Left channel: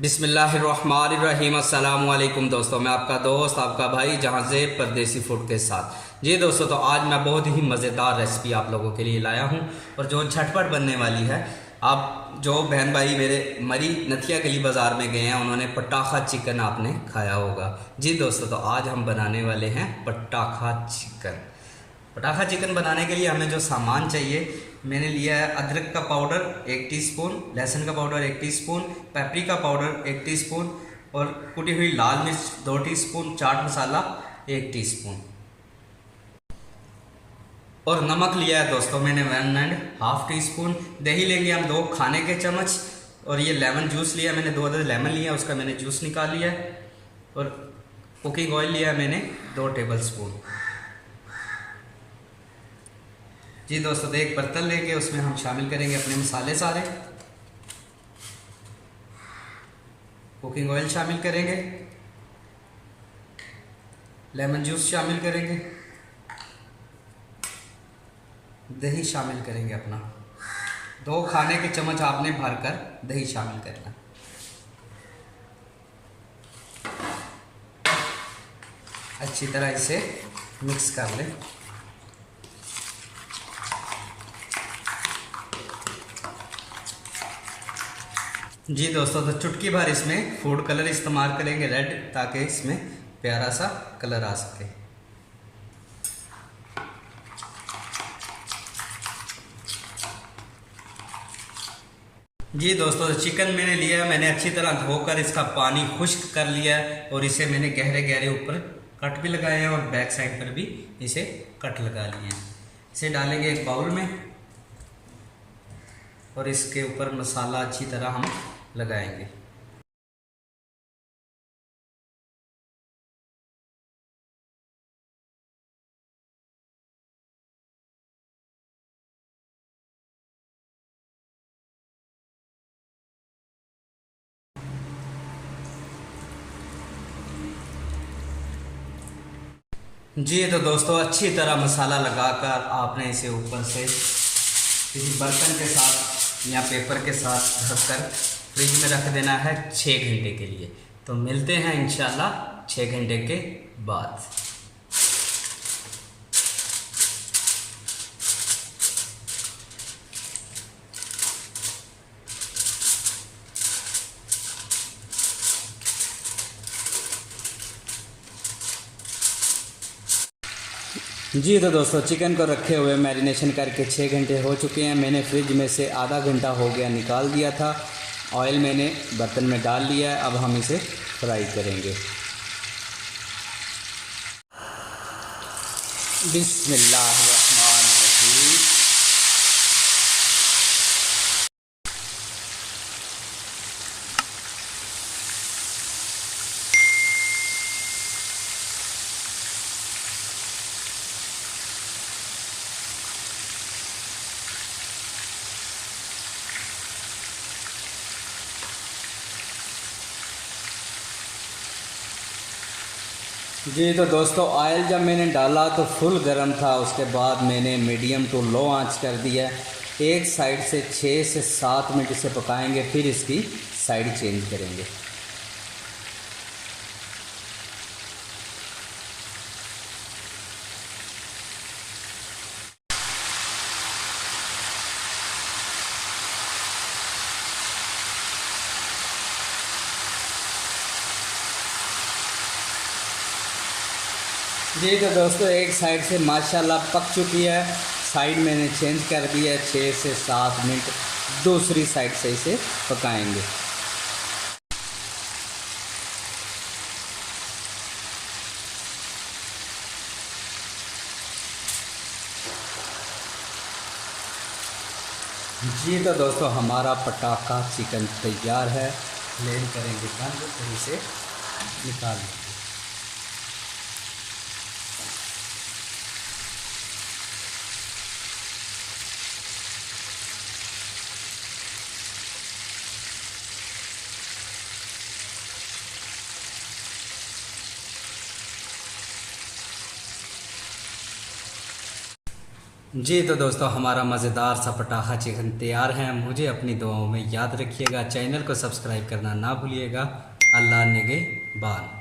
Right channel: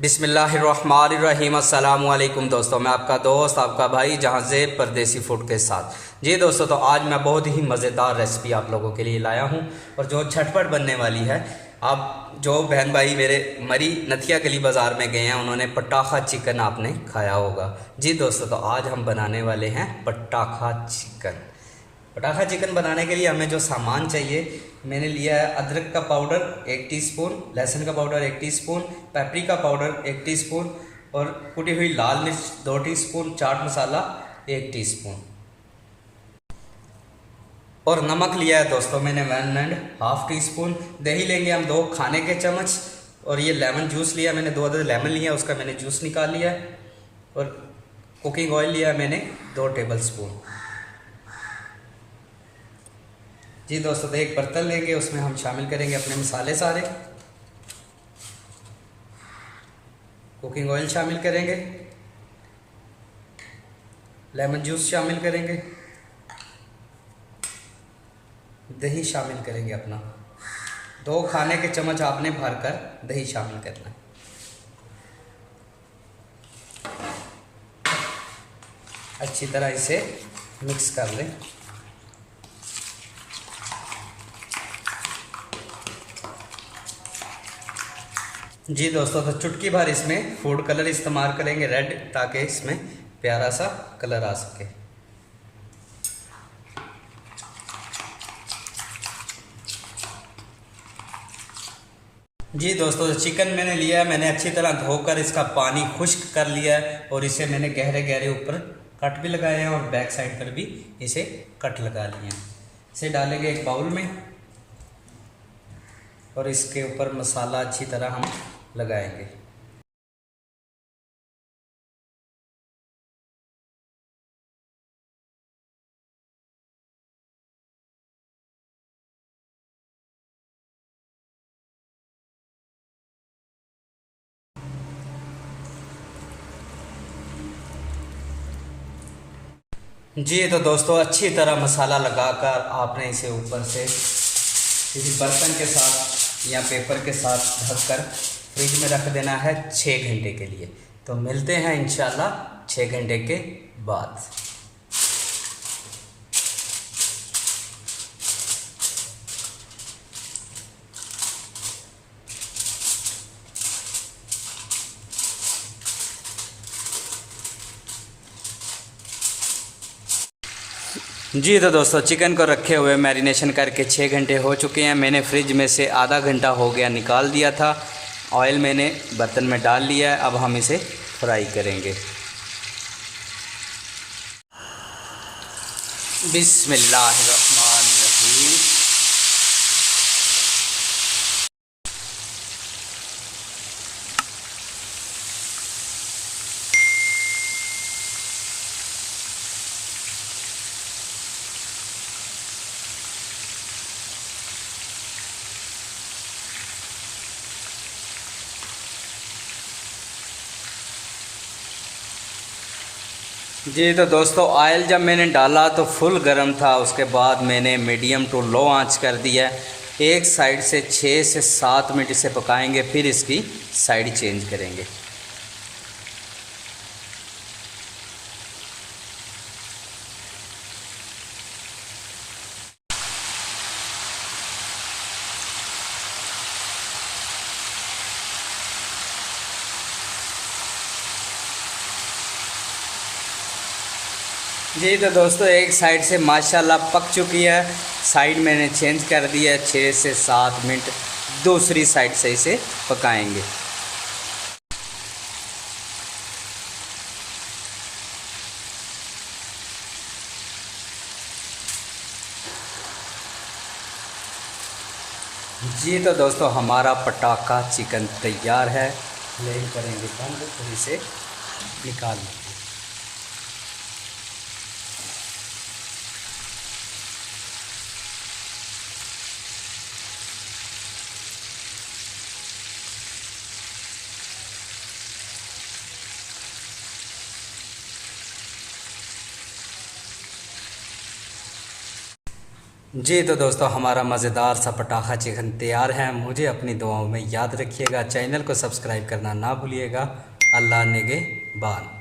बिस्मिल्लाहिर्रहमानिर्रहीम। अस्सलाम वालेकुम दोस्तों, मैं आपका दोस्त आपका भाई जहां से परदेसी फूड के साथ। जी दोस्तों, तो आज मैं बहुत ही मज़ेदार रेसिपी आप लोगों के लिए लाया हूं और जो झटपट बनने वाली है। आप जो बहन भाई मेरे मरी नथिया गली बाज़ार में गए हैं उन्होंने पटाखा चिकन आपने खाया होगा। जी दोस्तों, तो आज हम बनाने वाले हैं पटाखा चिकन। पटाखा चिकन बनाने के लिए हमें जो सामान चाहिए, मैंने लिया है अदरक का पाउडर 1 टीस्पून, लहसुन का powder 1 teaspoon, paprika powder 1 teaspoon और कुटी हुई लाल मिर्च 2 टीस्पून, चाट मसाला 1 टीस्पून और नमक लिया है दोस्तों मैंने 1.5 टीस्पून। दही लेंगे हम 2 खाने के चम्मच और ये लेमन जूस लिया मैंने, 2 अदद लेमन लिया, उसका मैंने जूस निकाल लिया और कुकिंग ऑयल लिया मैंने 2 टेबल स्पून। जी दोस्तों, तो एक बर्तन लेंगे, उसमें हम शामिल करेंगे अपने मसाले सारे। कुकिंग ऑयल शामिल करेंगे, लेमन जूस शामिल करेंगे, दही शामिल करेंगे अपना 2 खाने के चम्मच आपने भरकर दही शामिल करना। अच्छी तरह इसे मिक्स कर लें। जी दोस्तों, तो चुटकी भर इसमें फूड कलर इस्तेमाल करेंगे रेड, ताकि इसमें प्यारा सा कलर आ सके। जी दोस्तों, तो चिकन मैंने लिया है, मैंने अच्छी तरह धोकर इसका पानी खुश्क कर लिया है और इसे मैंने गहरे गहरे ऊपर कट भी लगाए हैं और बैक साइड पर भी इसे कट लगा लिए हैं। इसे डालेंगे एक बाउल में और इसके ऊपर मसाला अच्छी तरह हम लगाएंगे। जी तो दोस्तों, अच्छी तरह मसाला लगाकर आपने इसे ऊपर से किसी बर्तन के साथ या पेपर के साथ ढककर फ्रिज में रख देना है 6 घंटे के लिए। तो मिलते हैं इंशाल्लाह 6 घंटे के बाद। जी तो दोस्तों, चिकन को रखे हुए मैरिनेशन करके 6 घंटे हो चुके हैं। मैंने फ्रिज में से आधा घंटा हो गया निकाल दिया था। ऑयल मैंने बर्तन में डाल लिया है, अब हम इसे फ्राई करेंगे। बिस्मिल्लाहिर्रहमानिर्रहीम। जी तो दोस्तों, ऑयल जब मैंने डाला तो फुल गर्म था, उसके बाद मैंने मीडियम टू लो आंच कर दिया। एक साइड से 6 से 7 मिनट इसे पकाएंगे, फिर इसकी साइड चेंज करेंगे। जी तो दोस्तों, एक साइड से माशाल्लाह पक चुकी है, साइड मैंने चेंज कर दिया है। 6 से 7 मिनट दूसरी साइड से इसे पकाएंगे। जी तो दोस्तों, हमारा पटाखा चिकन तैयार है। फ्लेम करेंगे बंद और इसे निकाल लेंगे। जी तो दोस्तों, हमारा मज़ेदार सा पटाखा चिकन तैयार है। मुझे अपनी दुआओं में याद रखिएगा। चैनल को सब्सक्राइब करना ना भूलिएगा। अल्लाह निगहबान।